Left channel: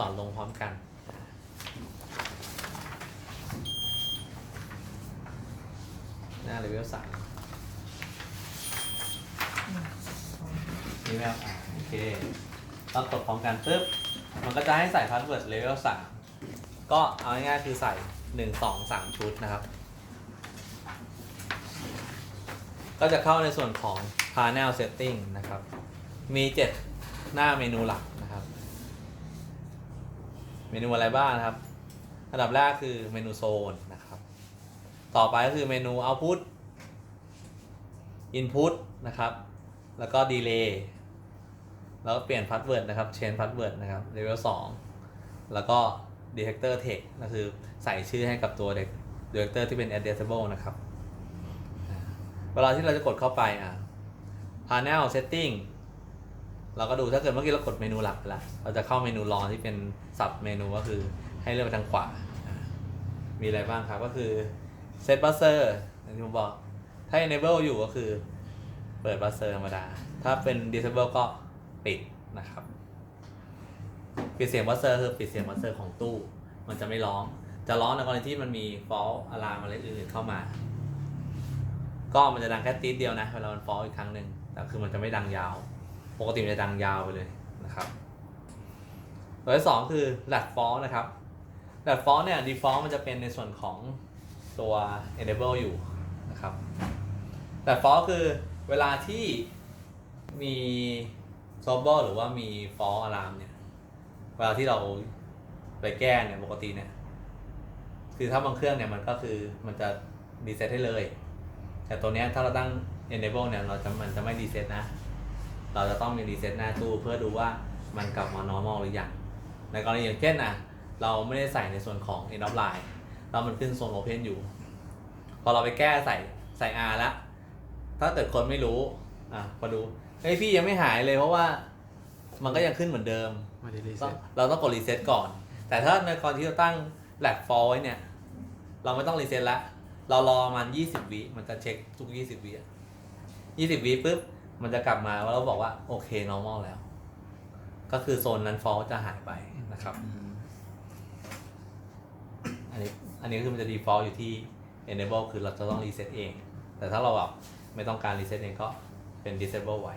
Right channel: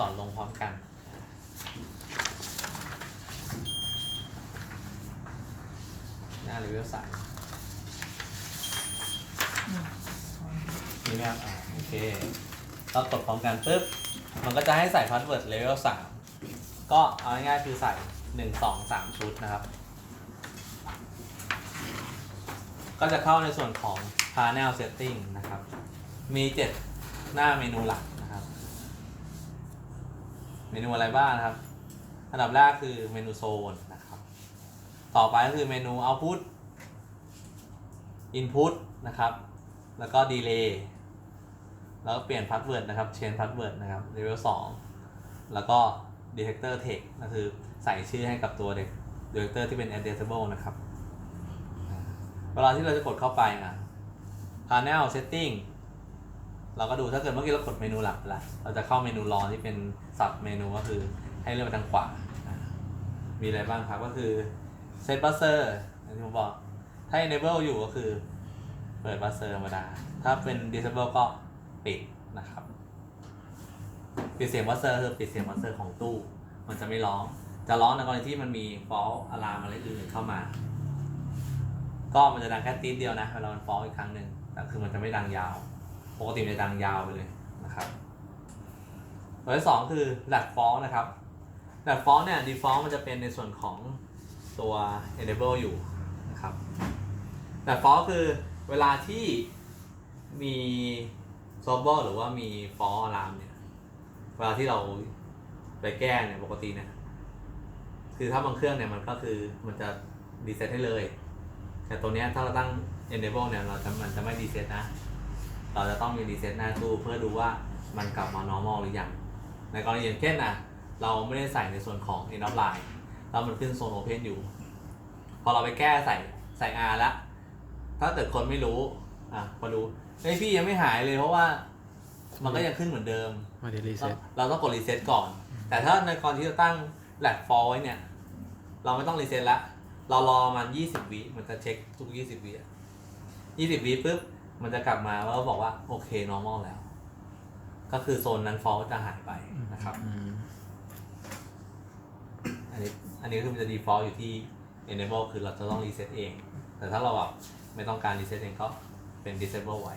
สอนลงพร้อมกัน หน้าเลเวลสามนี่นะครับอ่าโอเคเรากดพร้อมกันปุ๊บ มันก็จะให้ใส่พาสเวิร์ดเลเวลสามก็เอาง่ายๆคือใส่หนึ่งสองสามชุดนะครับ ก็จะเข้าในส่วนของ Panel Setting นะครับ มี7หน้าเมนูหลัก เมนูอะไรบ้างนะครับ อันดับแรกคือเมนูโซนนะครับ ต่อไปก็คือเมนู Output Input นะครับ แล้วก็ Delay แล้วก็เปลี่ยน Password นะครับ Change Password นะครับ Level 2 แล้วก็ Detector Text ก็คือใส่ชื่อให้กับตัว Detector ที่เป็น addressable นะครับ เวลาที่เราจะกดเข้าไปอะ Panel Setting เราก็ดูถ้าเกิดเมื่อกี้เรากดเมนูหลักไปแล้วเราจะเข้าเมนูรองที่เป็นสับเมนูก็คือให้เลื่อนไปทางขวา มีอะไรบ้างครับก็คือ Set Buzzer อย่างที่ผมบอก ถ้า Enable อยู่ก็คือ เปิด Buzzer ธรรมดา ถ้าเป็น Disable ก็ปิดนะครับ ปิดเสียง Buzzer คือปิดเสียง Buzzer ของตู้ มันจะไม่ร้อง จะร้องในกรณีที่มันมี Fault Alarm อะไรอื่นเข้ามา ก็มันจะดังแค่ตีดเดียวนะเวลามัน Fault อีกครั้งหนึ่งแต่คือมันจะไม่ดังยาว ปกติมันจะดังยาวไปเลยนะครับตัวที่สองคือแลดฟอลนะครับแลดฟอลเนี่ย default มันจะเป็นในส่วนของตัว enable อยู่นะครับแลดฟอลคือเวลาที่มี s o b e r หรือว่ามี fall alarm เนี่ย เวลาที่เราไปแก้เนี่ยปกติเนี่ยคือถ้าบางเครื่องเนี่ยมันก็คือมันจะรีเซ็ตให้เลย แต่ตัวเนี้ยถ้าเราตั้ง enable เนี่ยเราจะมันจะไม่รีเซ็ตนะ เราจะต้องมีรีเซ็ตหน้าตู้เพื่อดูว่ามันกลับมา normal หรือยัง ในกรณีอย่างเช่นนะเราไม่ได้ใส่ในส่วนของ end of line เรามันขึ้นโซน open อยู่ พอเราไปแก้ใส่ใส่ R แล้ว ถ้าเกิดคนไม่รู้ อะมาดูเฮ้ยพี่ยังไม่หายเลยเพราะว่ามันก็ยังขึ้นเหมือนเดิม ไม่ได้รีต้อเซ็งตเราต้องกดรีเซ็ตก่อน แต่ถ้าในกรณีที่เราตั้งแลกฟอลไว้เนี่ย เราไม่ต้องรีเซ็ตละ เรารอมัน 20 วิมันจะเช็คทุก 20 วิอะ20 วิปุ๊บ มันจะกลับมาแล้วเราบอกว่า โอเค normal แล้ว ก็คือโซนนั้นฟอลจะหายไปนะครับ อันนี้อันนี้ก็คือมันจะ default อยู่ที่ enable คือเราจะต้องรีเซ็ตเอง แต่ถ้าเราแบบไม่ต้องการรีเซ็ตเองก็เป็น disable ไว้